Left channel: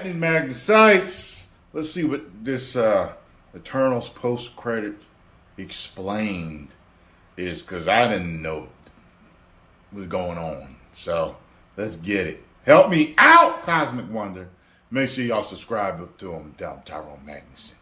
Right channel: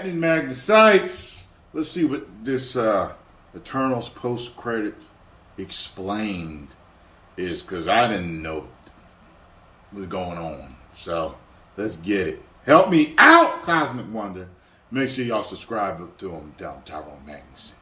happening, Magnus sites? Let's see what this Eternals post-credit explained is, because I didn't know what was going on. So let's get it. Help me out, Cosmic Wonder. Make sure y'all subscribe to him down Tyrone Magnus.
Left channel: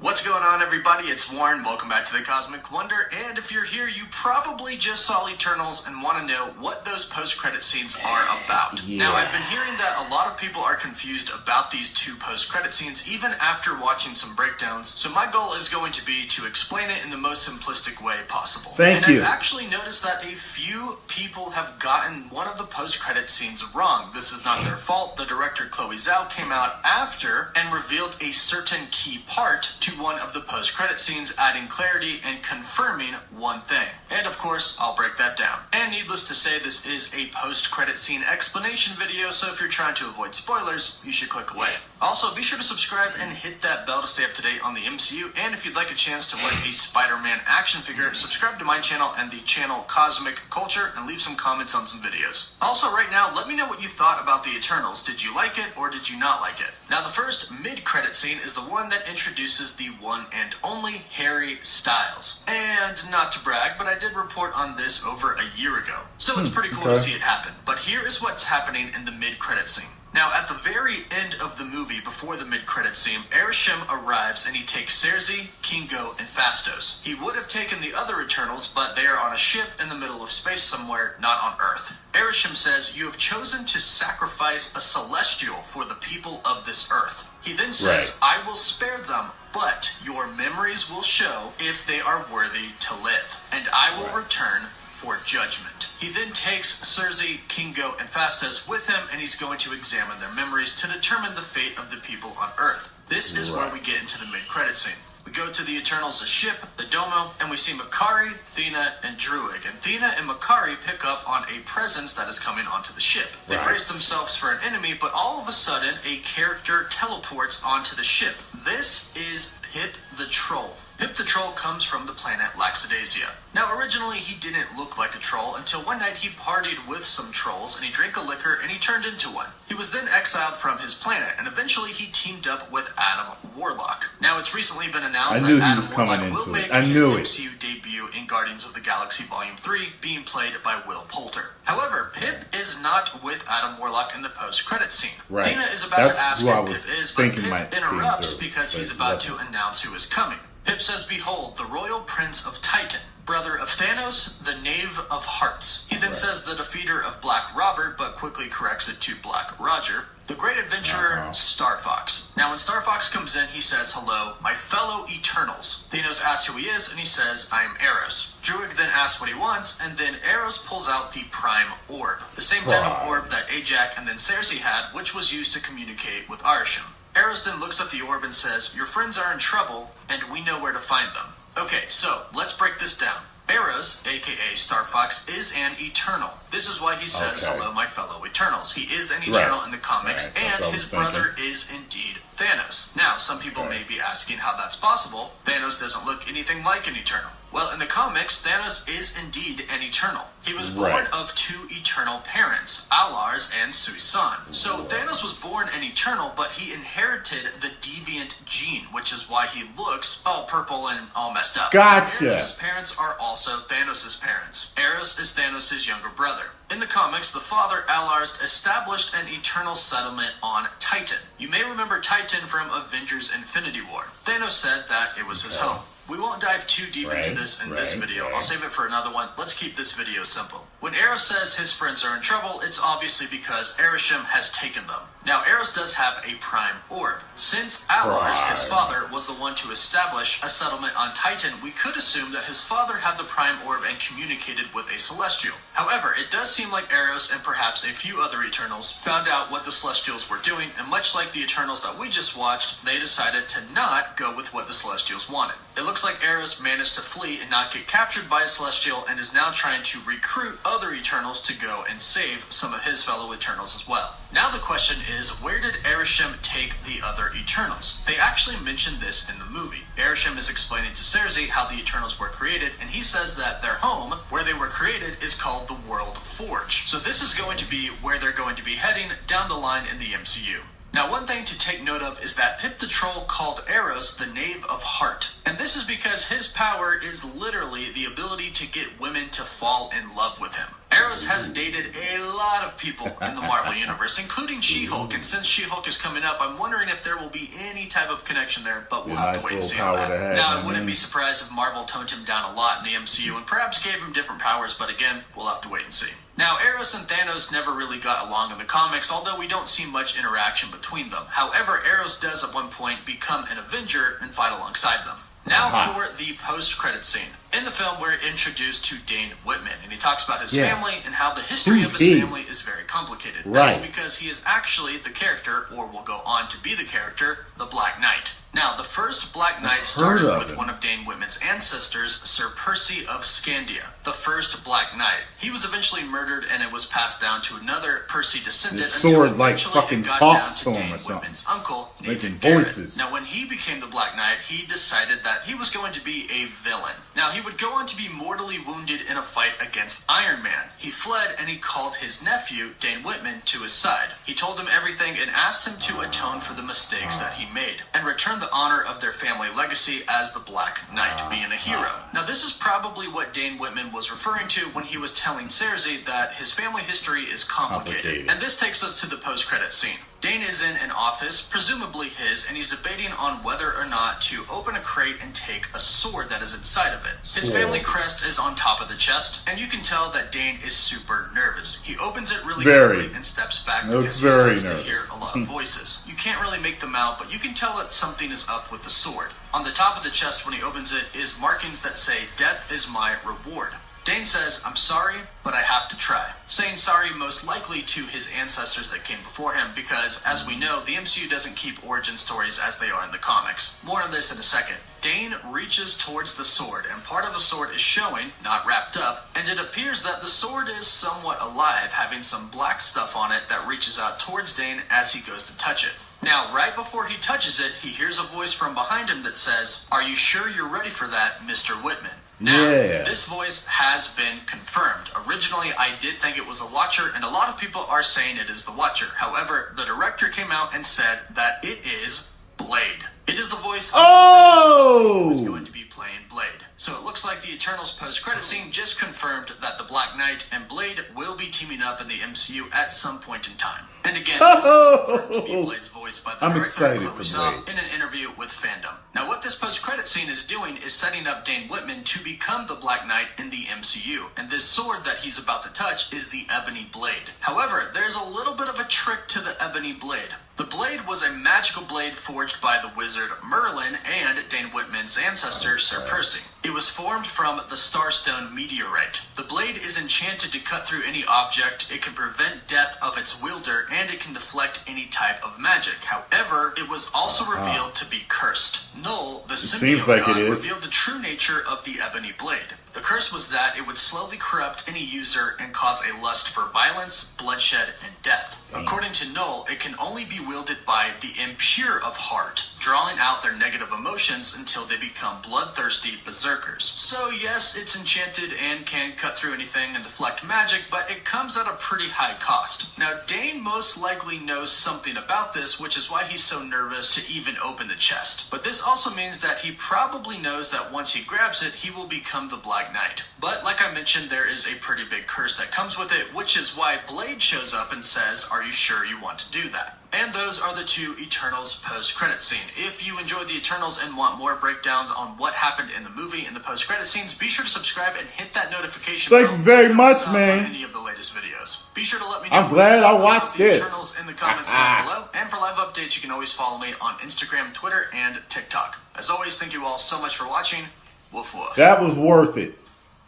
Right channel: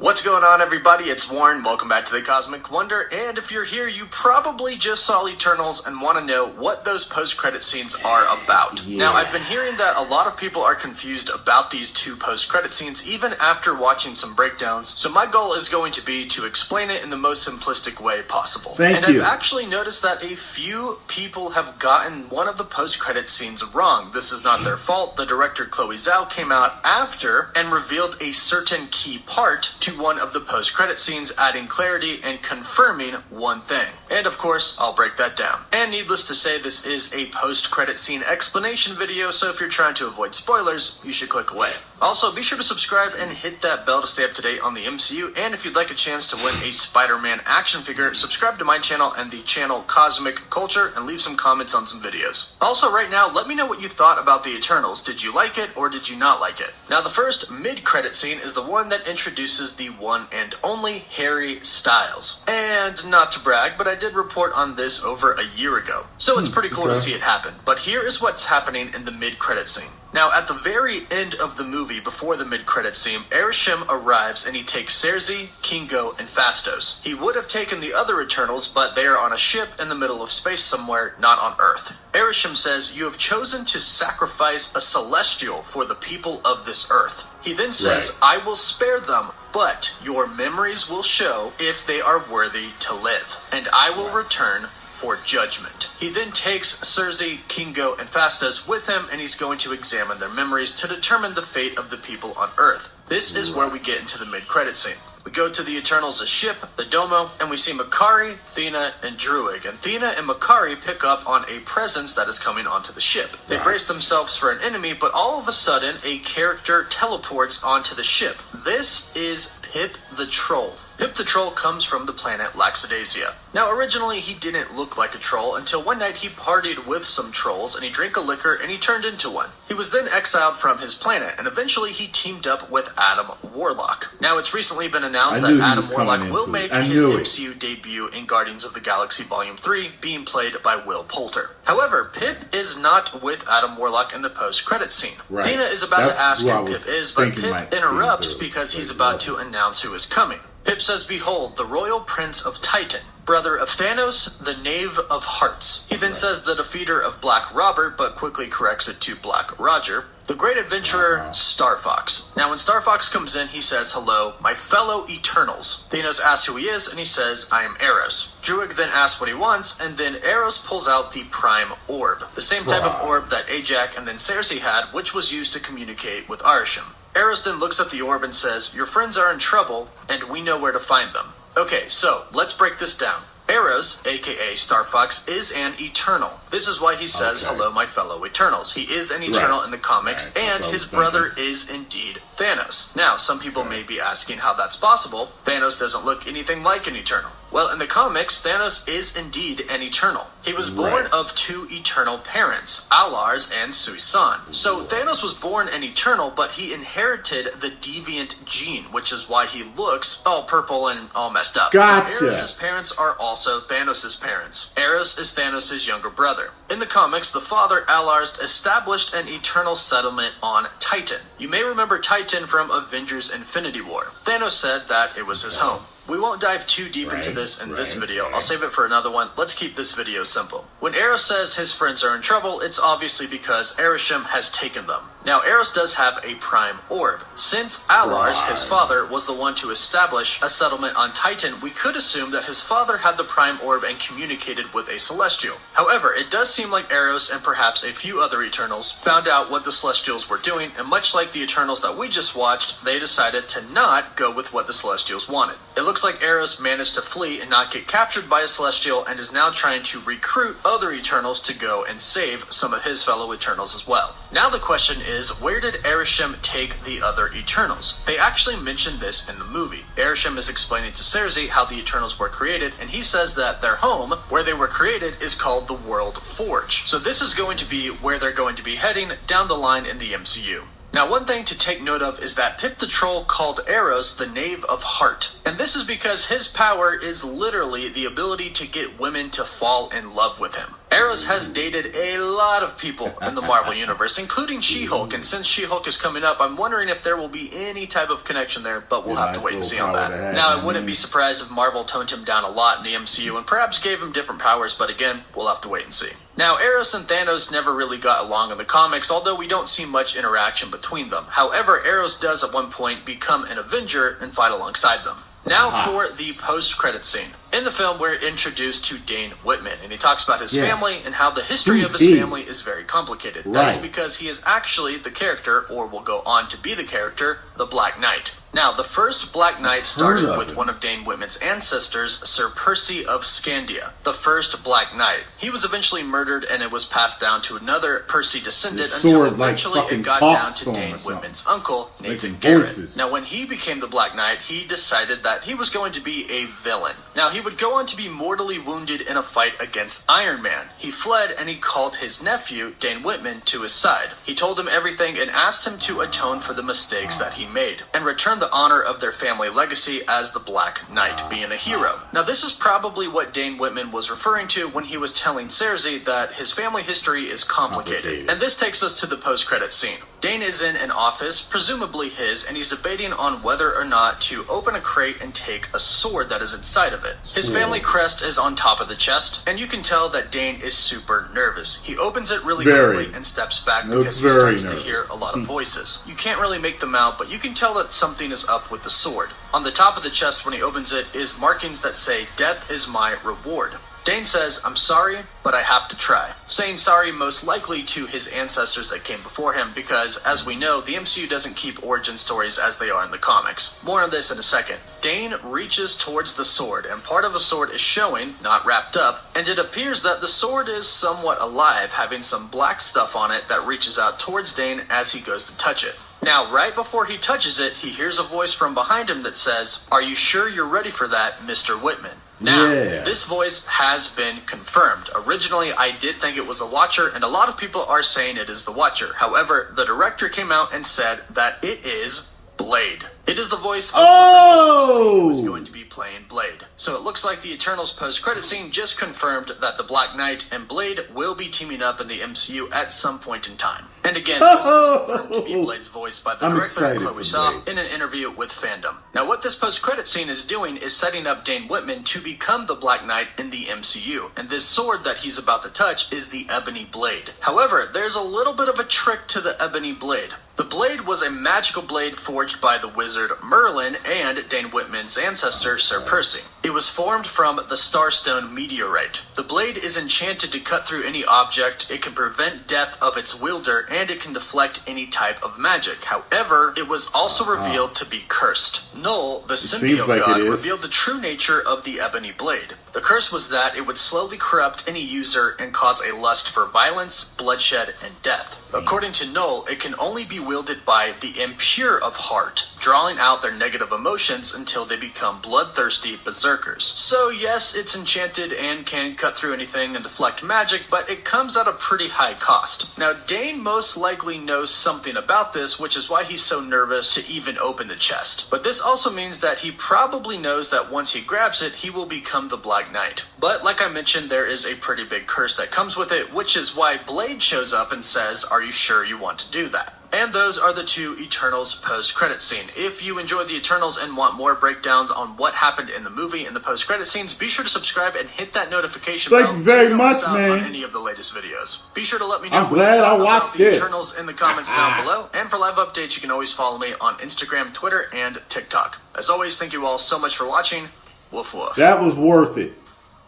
What's going on, everybody? It's Warren. Welcome back to the Cosmic Wonder. And if you're here, you probably just saw Eternals and want to know what those post-credit scenes are about. Yeah. Now, I've been hearing that a lot of people are confused about these two post-credit scenes, even after watching some breakdowns. So my goal is going to be to explain it in the most simplistic way possible. Thank you. I've actually noticed that a few people have gotten one of the post-credit scenes wrong. This is not their fault. The director, Chloe Zhao, came out after and revealed a certain key part to one of the post-credit scenes, adding clarity and confirming one thing. And of course, I'll break that down. And needless to say, this is a post-credit scene explanation video, so if you're trying to avoid spoilers, you should click away. Also, be sure to subscribe and hit that bell to stay up to date on the MCU, and if you'd like a chance to win a Spider-Man action figure, subscribe to my channel and the channel Cosmic Culture, and leave some comments on some videos. Also, right now, let me know what you thought about the Eternals. Did you like it, or did you not like it? Now, the first mid-credit scene is the one that introduces the one and only Harry Styles. And not to brag, but I did report on this over a year ago, so it's pretty cool to see it happen. But here is what's happening in the mid-credit scene. Now, at the very end of the movie, before the mid-credit scene, Arishem arrives and he takes Cersei, Kingo, and Phastos. He would have taken the other Eternals, but they are on a ship in the middle of space somewhere, not on Earth. Arishem says, "You have chosen to sacrifice a celestial for the people of this Earth." He then says, "I will spare them, but your memories will show if they are worthy to live, and I will return for judgment." He then takes Cersei, Kingo, and Phastos with him, and he's going to examine their memories to determine the fate of the people on Earth. This is where we get into the mid-credit scene. We go to the Eternals' ship, the Domo, and we see Makkari, Thena, and Druig. And Thena and Makkari pick up on a presence that is coming onto the ship. They brace themselves for an enemy, but all of a sudden, a character teleports onto the ship. This is Pip the Troll. Pip the Troll comes from the planet Laxadasia. Now, originally, he didn't look like a troll until one night he partied with some trolls and he drank a liquor and he turned into one. He was then exiled from his planet and eventually he teamed up with Adam Warlock. Now, it's recently been announced that Adam Warlock will make his MCU debut in Guardians of the Galaxy Volume 3, being played by Will Poulter. However, Pip is not with Adam Warlock in the post-credits scene. Thena is about to ask who Pip is, but Pip interrupts because he's about to announce who is coming. Pip says, "Behold, the royal prince of Titan, brother of Thanos, the knave of hearts." He then says the defeater of Black Robert, but quickly corrects it to Black Roger. The great adventurer, Star Fox. Now, when Star Fox comes in, he says, "Hello, my fellow Eternals." Thanos asks who he is, and he says, "I am Eros." Druig then asks what he wants, and then Eros pulls out the Prime Orb, the same type of orb that Ajak and then Cersei had, which was used to communicate with Arishem. Eros then looks at the orb and says, "Your friends are in trouble, and we know where to find them." Okay, so let's break this down. Eros, aka Star Fox, is an Eternal. This is why he says, "Hello, my fellow Eternals." He is an Eternal in the comics, and his brother is indeed Thanos. Now, some people may be asking how that's possible. Thanos doesn't look anything like an Eternal. Well, in the comics, Thanos is indeed an Eternal. He was born of two eternal parents, Alars and Suisan. So Thanos was born an Eternal, but he inherited the deviant gene, which is why he looks all purple and all messed up. Gotcha. Eros' parents are also Thanos' parents. Eros is Thanos' younger brother. In the comics, the father, Alars, established an eternal settlement on Titan. You may remember Titan from Avengers Infinity War. Thanos said that it was his home. We won't dive too deep into this in this video. I'll save it for another one. Let's keep this video simple. When Eros says his friends are in trouble, it's obviously because Arishem has taken them. Now, Eros does have a Prime Orb. Since Alars, his father, was the one to establish a settlement on Titan, we could assume that his father had the Prime Orb and communicated with a Celestial. However, it does seem like Eros and perhaps a few other Eternals found out what the Celestials were doing, and much like the Eternals that we just watched, they decided to not go with what the Celestials wanted. It looks looks like Eros managed to flee and not get captured by a Celestial and is now trying to recruit other Eternals to go and save some of his fellow Eternals as well. Now the question is, where did Arishem take the other Eternals? They actually mentioned this in the movie. Arishem is explaining to Cersei how the Eternals were created, and he says that their home, where they were created, is called the World Forge. So this is going to be where they're going to be heading down the line in the MCU. Now, one thing to take note of is that Pip the Troll called Eros the Knave of Heart. And this is because his power is literally the ability to get women to fall in love with him. Eros has dated a lot of people in the Marvel Universe, including She-Hulk, and since She-Hulk is coming up, I'm wondering if there will be any type of connection there, but we'll have to wait and see on that. Now, I wouldn't be surprised if Marvel toned him down a lot in the MCU and perhaps gave him different powers, but again, we'll have to wait and see. Now, Eros and Thanos never really got along in the comics, although we don't see much interaction between them. However, Eros does at one point become an Avenger and fight alongside them. Now for the post-credit scene. In the film, we're introduced to Dane Whitman, and he talks about his family and how the history of his family is very complicated. That is because he is actually the character, or will go on to be the character, the Black Knight. Now, the first Black Knight started with one of Dane Whitman's ancestors, Sir Percy of Scandia, the first Black Knight. He was eventually murdered, and it was passed down to another Percy descendant until eventually it got down to Dane Whitman's uncle, Nathan Garrett. Now, when he became the Black Knight, he decided that he was going to be a villain. Now, he would go on to be mortally wounded in a fight against Iron Man. He fled, and he called his nephew, Dane Whitman, to his side. He told him everything and asked him to atone for the mistakes that he made, and return the honor of their family legacy as the Black Knight, being a hero. Now, this is probably what Dane Whitman was referring to when he was telling Cersei that his family history is complicated. And this takes us to the post-credit scene. Dane is in an office, presumably his, and he's debating on whether or not to open a crate and take a sword that is inside of it. His family crest is on top of the chest, and you can tell that Dane is super nervous. He opens it really quickly and steps back because he starts to hear a lot of voices. You can't really make them out, but you can tell that something is up with the sword. On the top of the chest when he opens it is markings that say, "Death is my reward." Dane says, "I'm sorry, but I have to try." Saying sorry most likely to his ancestors that came before him because, as we know, the MCU doesn't keep origin stories as they are in the comics. More on this in a second. Dane reaches towards the sword, and part of the sword is showing, not wrapped up, and it appears that the sword is somewhat alive, having some black stuff on it that reaches out towards Dane as he goes to touch it. Now, right before he touches it, he hears a voice from behind him that says, "Are you sure you're ready for that, Mr. Whitman?" Now, this voice has been confirmed. Originally, I did think it was the Watcher, and a lot of people are saying it is the Watcher. However, the director came out and said that it is Blade. It is the voice of who is going to be playing Blade. So it looks like the Eternals post-credit scene just confirmed that the Black Knight and Blade will be teaming up in the MCU at some point in time. And again, this was confirmed to be Blade's voice by the director, Chloe Zhao, in an interview with Fandom. Now, what this post-credit scene is doing is setting up Dane Whitman to become the Black Knight in the MCU. And this sword that he's about to touch is the Ebony Blade. However, there's a little bit of a trick to the Ebony Blade. The blade was a magical blade forged by the wizard Merlin and Dane Whitman's ancestor, Sir Percy. It was formed from the Starstone meteorite. The blade is enchanted to cut through any object, it can prevent death of its wielder, and it can deflect any type of magic. However, it was also revealed to be cursed. Null, the symbiote god, revealed the true nature of the Ebony Blade. The curse was that it would slowly corrupt any user and cause a lust for violence, bloodshed, and death. According to Null, it can only be wielded by the impure of heart, drawing out their negative emotions until they become bloodthirsty berserkers. So yes, it's enchanted and can cut through anything and deflect magic, but it comes at a pretty high cost. Now, Dane most likely knows something about this, which is why he's so nervous to even open the chest. But this also means that he probably knows that once he grabs it, he will become the Black Knight. But like I mentioned, there is a pretty big curse that comes with it, which is why Blade shows up and says, "Are you sure you want to do that?" And those are the two Eternals post-credit scene. If you enjoyed the Eternals and want more breakdowns on what happened in the movie and the post-credit scenes, be sure to subscribe and hit that notification bell. Thank you very much, man. On any of the latest videos. Be sure to let me know. I'm glad I watched the this. Eternals in the comments down below. And for live updates, you can always follow me on Instagram, Twitter, and TikTok. As always, thank you all so much for watching. Woof woof. That was worth it.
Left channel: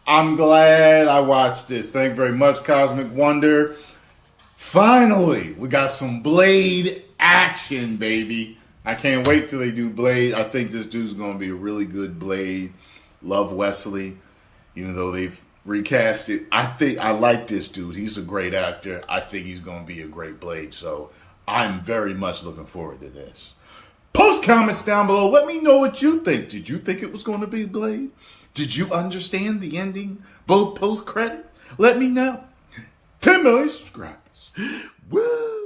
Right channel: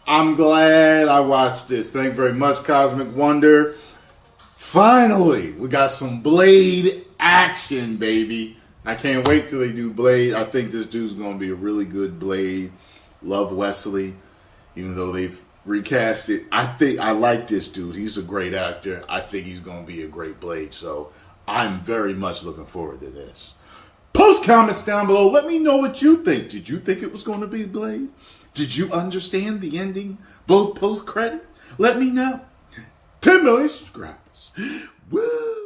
I'm glad I watched this. Thank you very much, Cosmic Wonder. Finally, we got some Blade action, baby. I can't wait till they do Blade. I think this dude's going to be a really good Blade. Love Wesley, even though they've recast it. I like this dude. He's a great actor. I think he's going to be a great Blade. So I'm very much looking forward to this. Post comments down below. Let me know what you think. Did you think it was going to be Blade? Did you understand the ending? Both post-credit? Let me know. 10 million subscribers. Woo!